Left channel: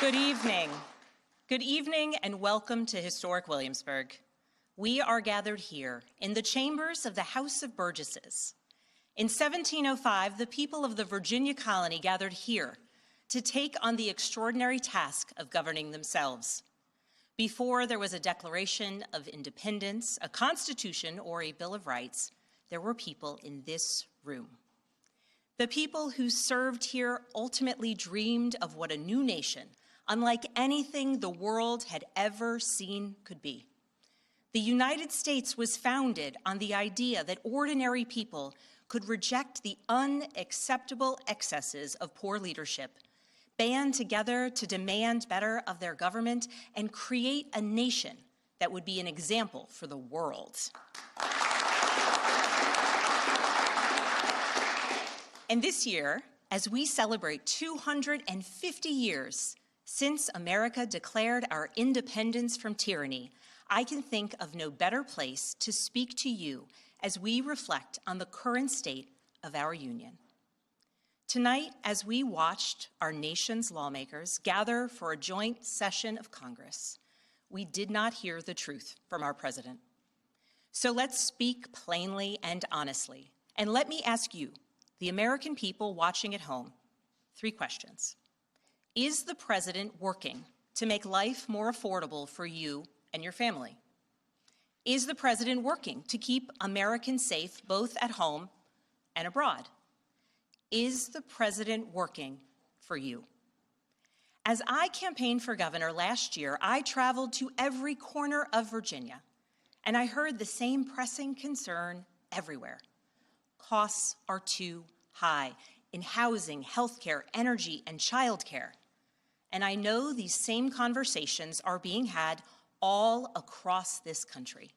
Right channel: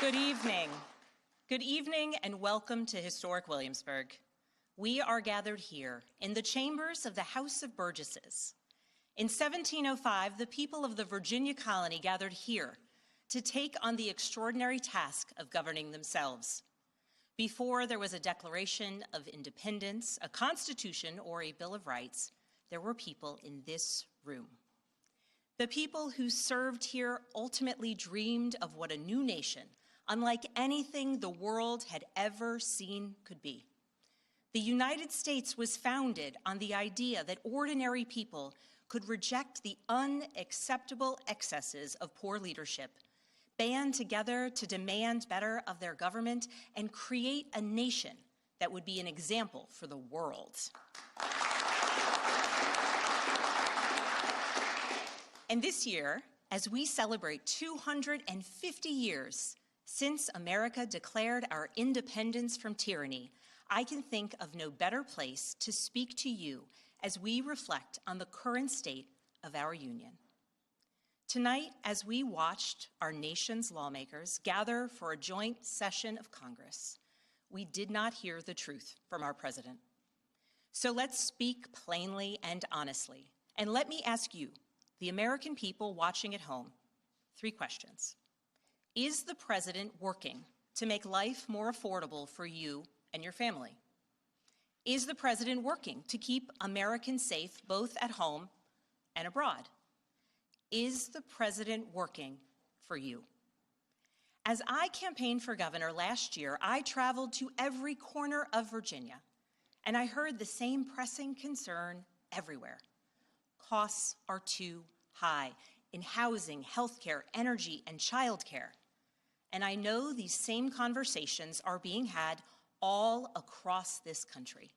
Good evening. Good evening and welcome to historic Williamsburg. We are gathered here in the chambers of the House of Burgesses. In 1705, the people of the Virginia colony gathered here to take on the extraordinary task of governing themselves. Before there was a Declaration of Independence, a Constitution, or a Bill of Rights, there were people in this room. The people who served here ultimately dreamed of what a new nation, unlike anything the world had ever seen, could be. The United States was founded on the idea that ordinary people could reject the unacceptable excesses of poor leadership, band together to demand better of their government, and create a nation that would be an example for the world. And this year, as we celebrate 250 years since America declared our independence from tyranny, I can think of no better place to speak to you as we reflect on the current state of our union. Tonight, as we watched our nation's lawmakers gather for a joint session of Congress, we did not hear the truth from our president. So let's speak plainly and honestly, and let me ask you, the American people watching at home, 3 questions. Is the president working to make life more affordable for you and your family? Is the president working to keep Americans safe both at home and abroad? Is the president working for you? As I campaigned for governor last year, I traveled to every corner of Virginia, and I heard the same pressing concern everywhere. Costs are too high in housing, healthcare, energy, and childcare. And I know these same conversations are being had all across this country.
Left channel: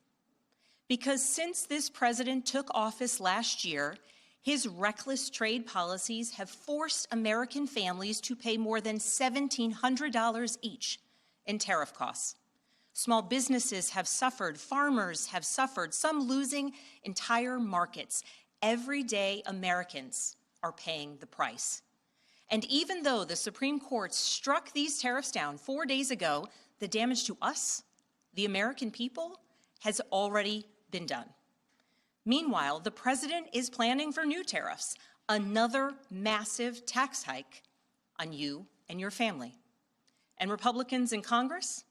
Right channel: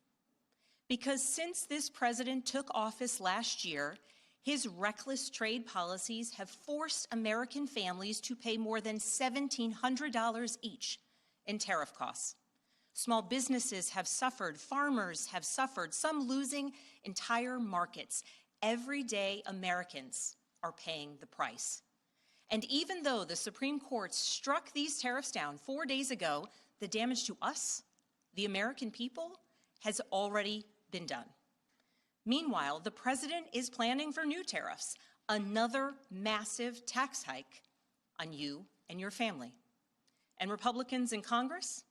Because since this president took office last year, his reckless trade policies have forced American families to pay more than $1,700 each in tariff costs. Small businesses have suffered, farmers have suffered, some losing entire markets. Everyday Americans are paying the price. And even though the Supreme Court struck these tariffs down 4 days ago, the damage to us, the American people, has already been done. Meanwhile, the president is planning for new tariffs, another massive tax hike on you and your family. And Republicans in Congress,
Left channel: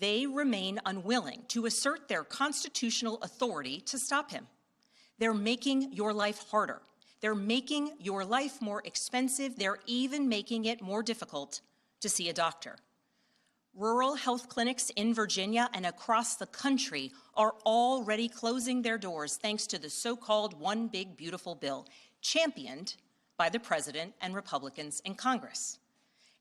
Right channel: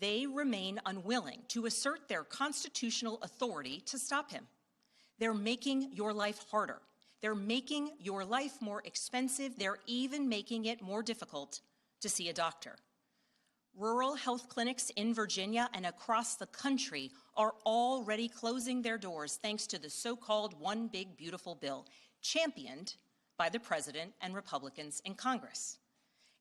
they remain unwilling to assert their constitutional authority to stop him. They're making your life harder. They're making your life more expensive. They're even making it more difficult to see a doctor. Rural health clinics in Virginia and across the country are already closing their doors thanks to the so-called One Big Beautiful Bill, championed by the president and Republicans in Congress.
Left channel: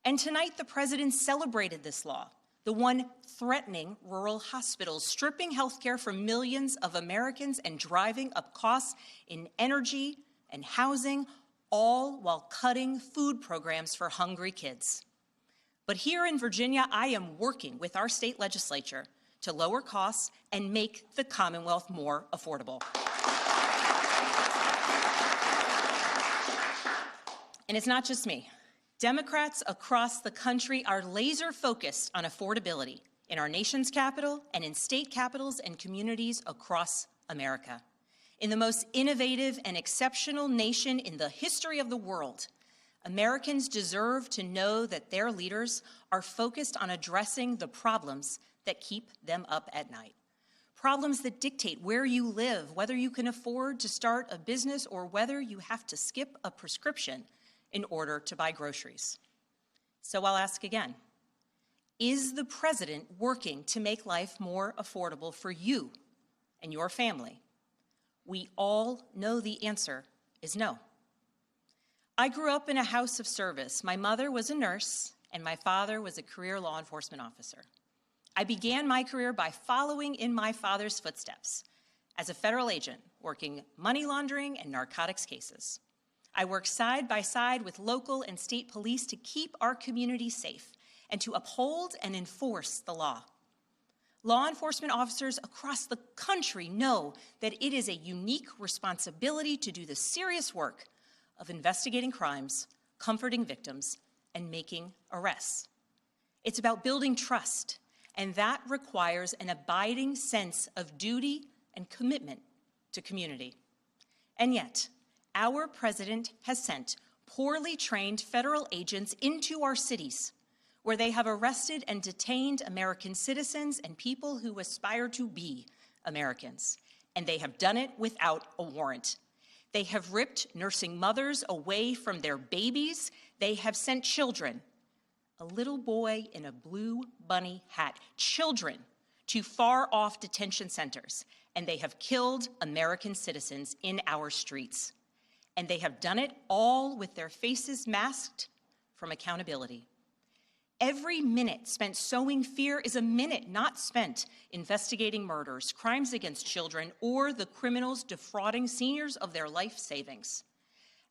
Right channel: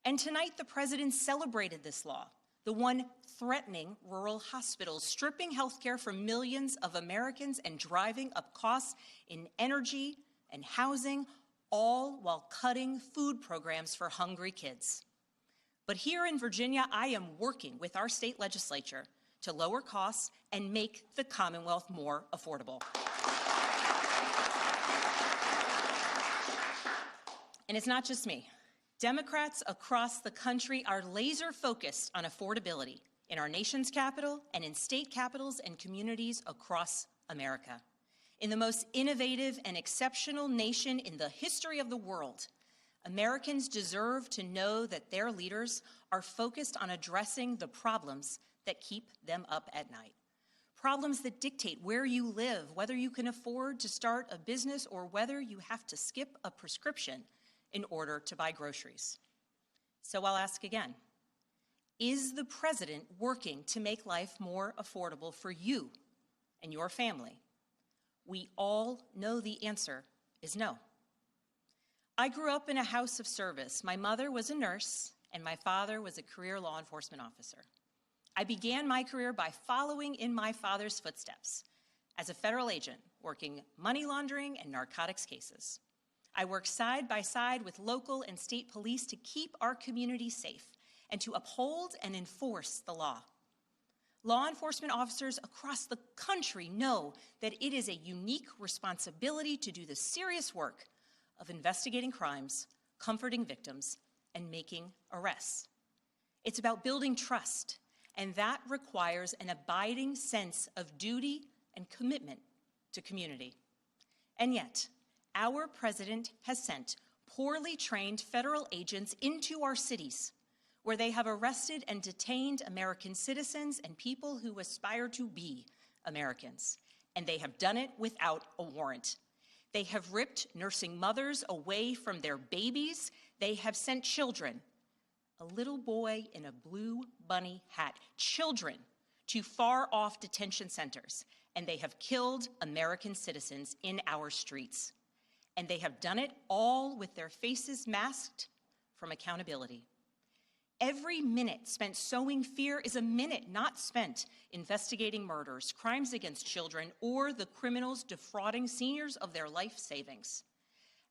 And tonight, the president celebrated this law, the one threatening rural hospitals, stripping health care from millions of Americans and driving up costs in energy and housing, all while cutting food programs for hungry kids. But here in Virginia, I am working with our state legislature to lower costs and make the Commonwealth more affordable. And it's not just me. Democrats across the country are laser focused on affordability in our nation's capital and in state capitals and communities across America. In the most innovative and exceptional nation in the history of the world, Americans deserve to know that their leaders are focused on addressing the problems that keep them up at night. Problems that dictate where you live, whether you can afford to start a business or whether you have to skip a prescription in order to buy groceries. So I'll ask again, is the president working to make life more affordable for you and your family? We all know the answer is no. I grew up in a house of service. My mother was a nurse, and my father was a career law enforcement officer. I began my career by following in my father's footsteps as a federal agent, working money laundering and narcotics cases. I worked side by side with local and state police to keep our community safe and to uphold and enforce the law. Law enforcement officers across the country know that it is a unique responsibility to do the serious work of investigating crimes, comforting victims, and making arrests. It's about building trust, and that requires an abiding sense of duty and commitment to community. And yet, our president has sent poorly trained federal agents into our cities, where they have arrested and detained American citizens and people who aspire to be Americans. And they have done it without a warrant. They have ripped nursing mothers away from their babies. They have sent children, a little boy in a blue bunny hat, children to far-off detention centers. And they have killed American citizens in our streets. And they have done it all with their faces masked from accountability. Every minute spent sowing fear is a minute not spent investigating murders, crimes against children, or the criminals defrauding seniors of their life savings.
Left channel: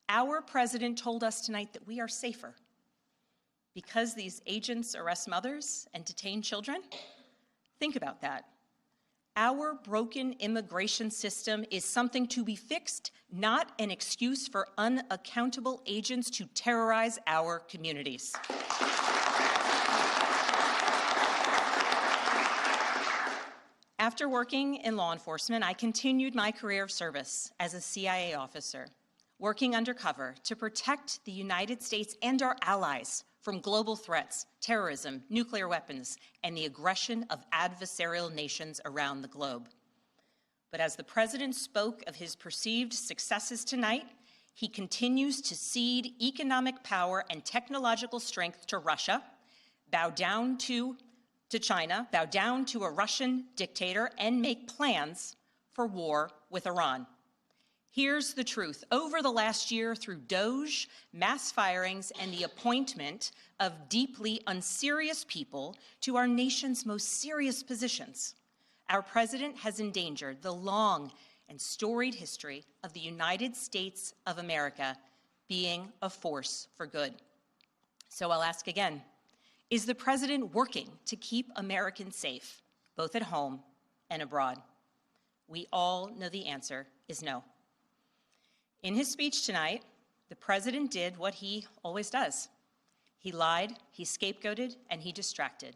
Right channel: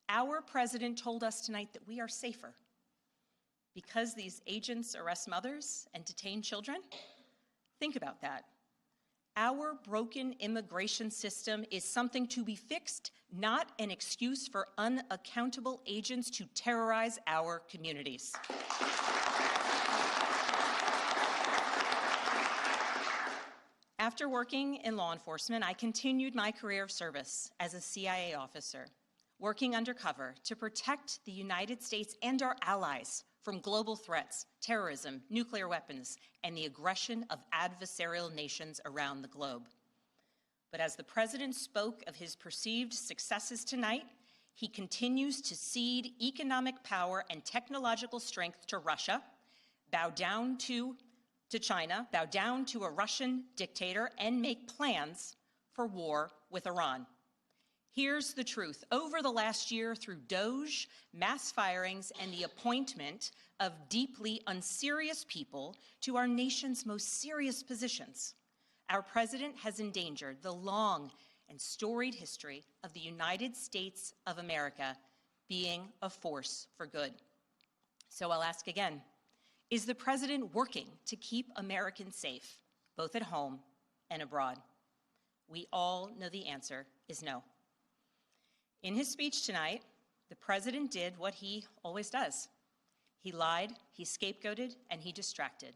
Our president told us tonight that we are safer because these agents arrest mothers and detain children. Think about that. Our broken immigration system is something to be fixed, not an excuse for unaccountable agents to terrorize our communities. After working in law enforcement, I continued my career of service as a CIA officer, working undercover to protect the United States and our allies from global threats, terrorism, nuclear weapons, and the aggression of adversarial nations around the globe. But as the president spoke of his perceived successes tonight, he continues to cede economic power and technological strength to Russia, bow down to China, bow down to a Russian dictator, and make plans for war with Iran. Here's the truth. Over the last year, through DOGE, mass firings, and the appointment of deeply unserious people to our nation's most serious positions, our president has endangered the long and storied history of the United States of America being a force for good. So I'll ask again, is the president working to keep Americans safe, both at home and abroad? We all know the answer is no. In his speech tonight, the president did what he always does. He lied, he scapegoated, and he distracted.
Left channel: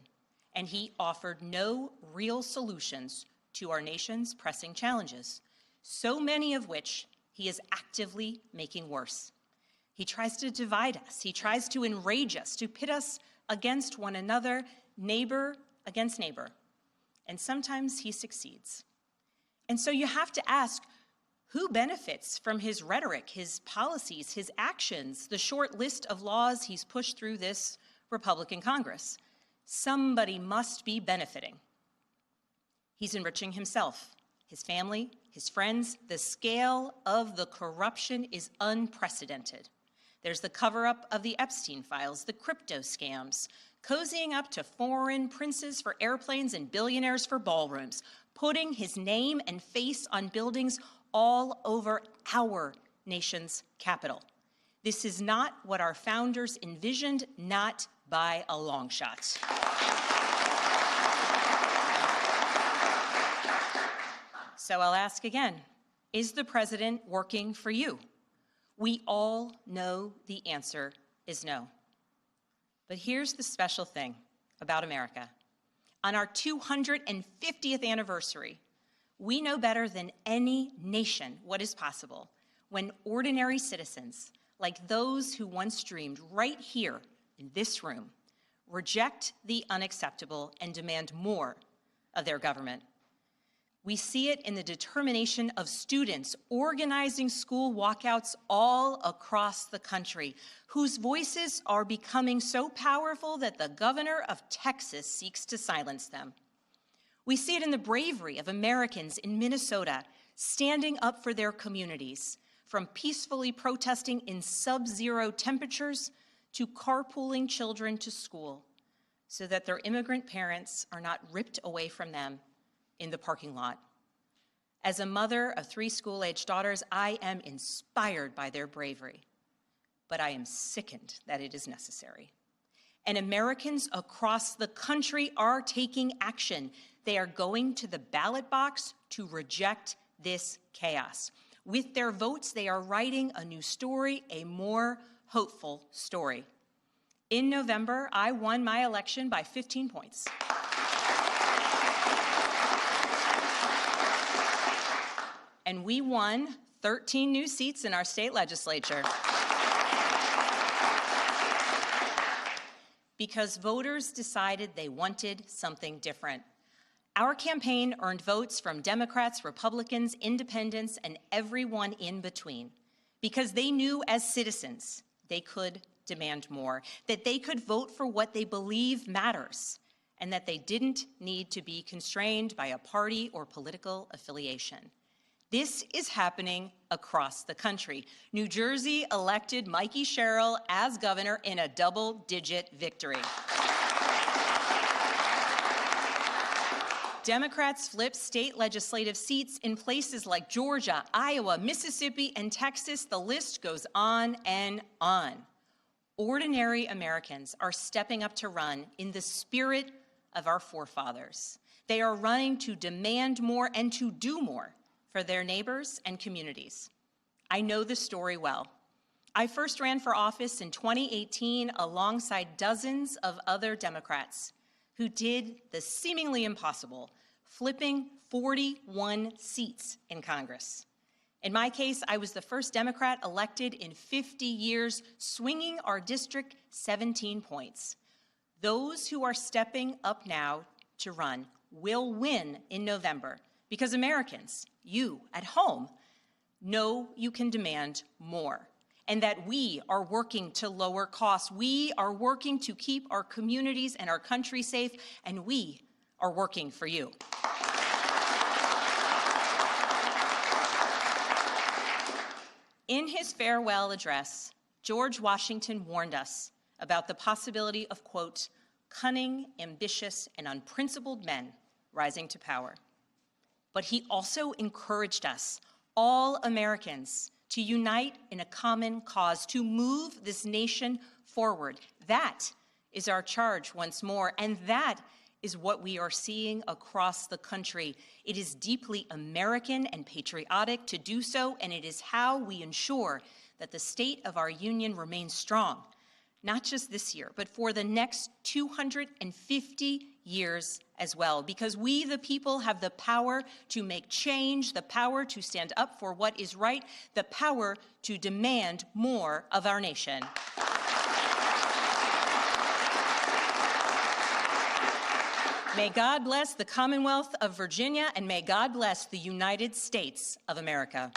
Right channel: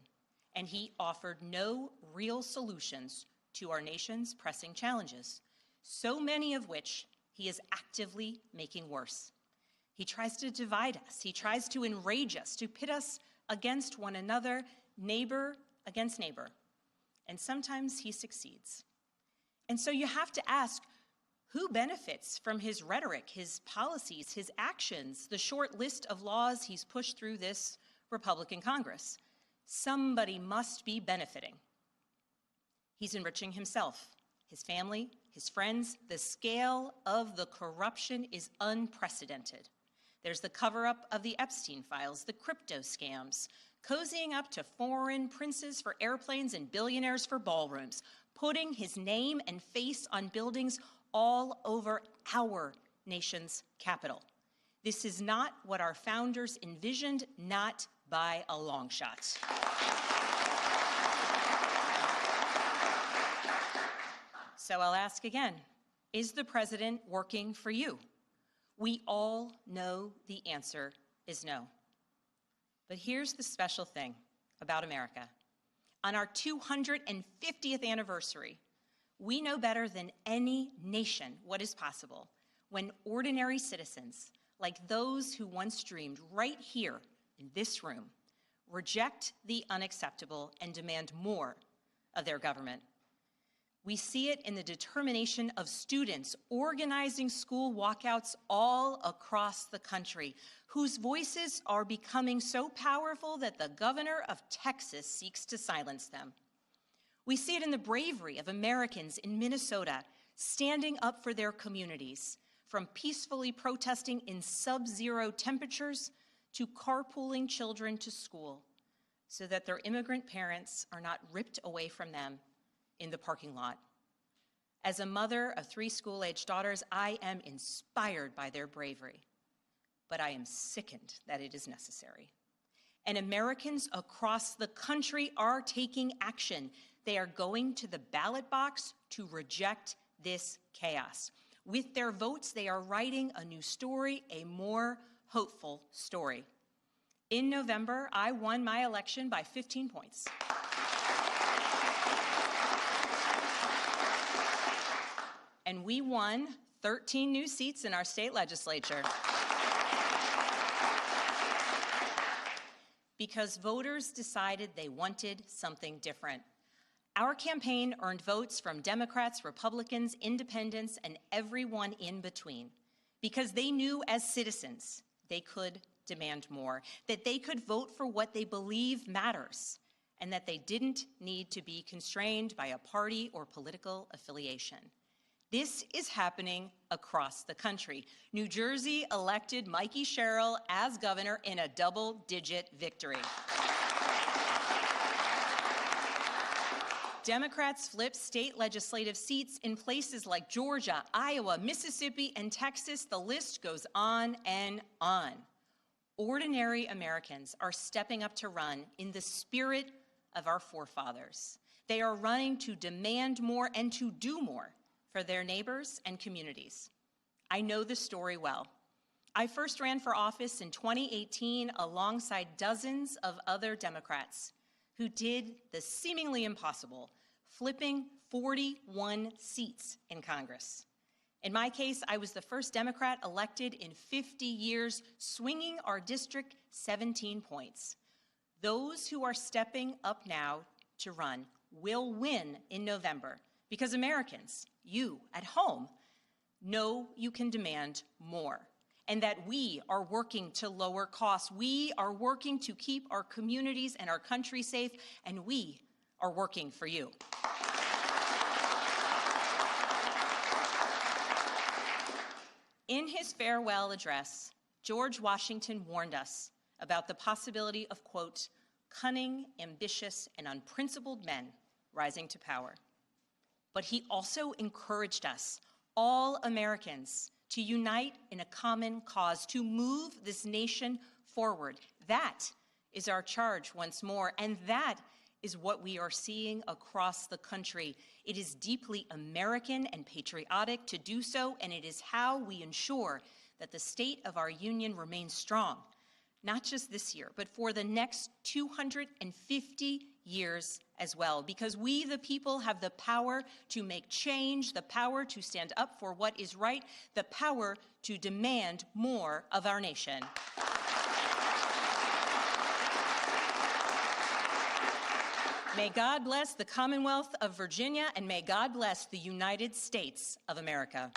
And he offered no real solutions to our nation's pressing challenges, so many of which he is actively making worse. He tries to divide us. He tries to enrage us, to pit us against one another, neighbor against neighbor. And sometimes he succeeds. And so you have to ask, who benefits from his rhetoric, his policies, his actions, the short list of laws he's pushed through this Republican Congress? Somebody must be benefiting. He's enriching himself, his family, his friends. The scale of the corruption is unprecedented. There's the cover-up of the Epstein files, the crypto scams, cozying up to foreign princes for airplanes and billionaires for ballrooms, putting his name and face on buildings all over our nation's capital. This is not what our founders envisioned, not by a long shot. So I'll ask again, is the president working for you? We all know the answer is no. But here's the special thing about America. On our 250th anniversary, we know better than any nation what is possible when ordinary citizens, like those who once dreamed right here in this room, reject the unacceptable and demand more of their government. We see it in the determination of students organizing school walkouts all across the country, whose voices are becoming so powerful that the governor of Texas seeks to silence them. We see it in the bravery of Americans in Minnesota standing up for their communities, from peacefully protesting in sub-zero temperatures to carpooling children to school so that their immigrant parents are not ripped away from them in the parking lot. As a mother of 3 school-aged daughters, I am inspired by their bravery, but I am sickened that it is necessary. And Americans across the country are taking action. They are going to the ballot box to reject this chaos. With their votes, they are writing a new story, a more hopeful story. In November, I won my election by 15 points. And we won 13 new seats in our state legislature. Because voters decided they wanted something different. Our campaign earned votes from Democrats, Republicans, independents, and everyone in between. Because they knew as citizens they could demand more, that they could vote for what they believe matters, and that they didn't need to be constrained by a party or political affiliation. This is happening across the country. New Jersey elected Mikey Sherrill as governor in a double-digit victory. Democrats flipped state legislative seats in places like Georgia, Iowa, Mississippi, and Texas. The list goes on and on. Ordinary Americans are stepping up to run in the spirit of our forefathers. They are running to demand more and to do more for their neighbors and communities. I know the story well. I first ran for office in 2018 alongside dozens of other Democrats who did the seemingly impossible, flipping 41 seats in Congress. In my case, I was the first Democrat elected in 50 years, swinging our district 17 points. Those who are stepping up now to run will win in November because Americans, you at home, know you can demand more, and that we are working to lower costs. We are working to keep our communities and our country safe, and we are working for you. In his farewell address, George Washington warned us about the possibility of, quote, cunning, ambitious, and unprincipled men rising to power. But he also encouraged us, all Americans, to unite in a common cause, to move this nation forward. That is our charge once more, and that is what we are seeing across the country. It is deeply American and patriotic to do so, and it is how we ensure that the state of our union remains strong, not just this year, but for the next 250 years as well, because we, the people, have the power to make change, the power to stand up for what is right, the power to demand more of our nation. May God bless the Commonwealth of Virginia, and may God bless the United States of America.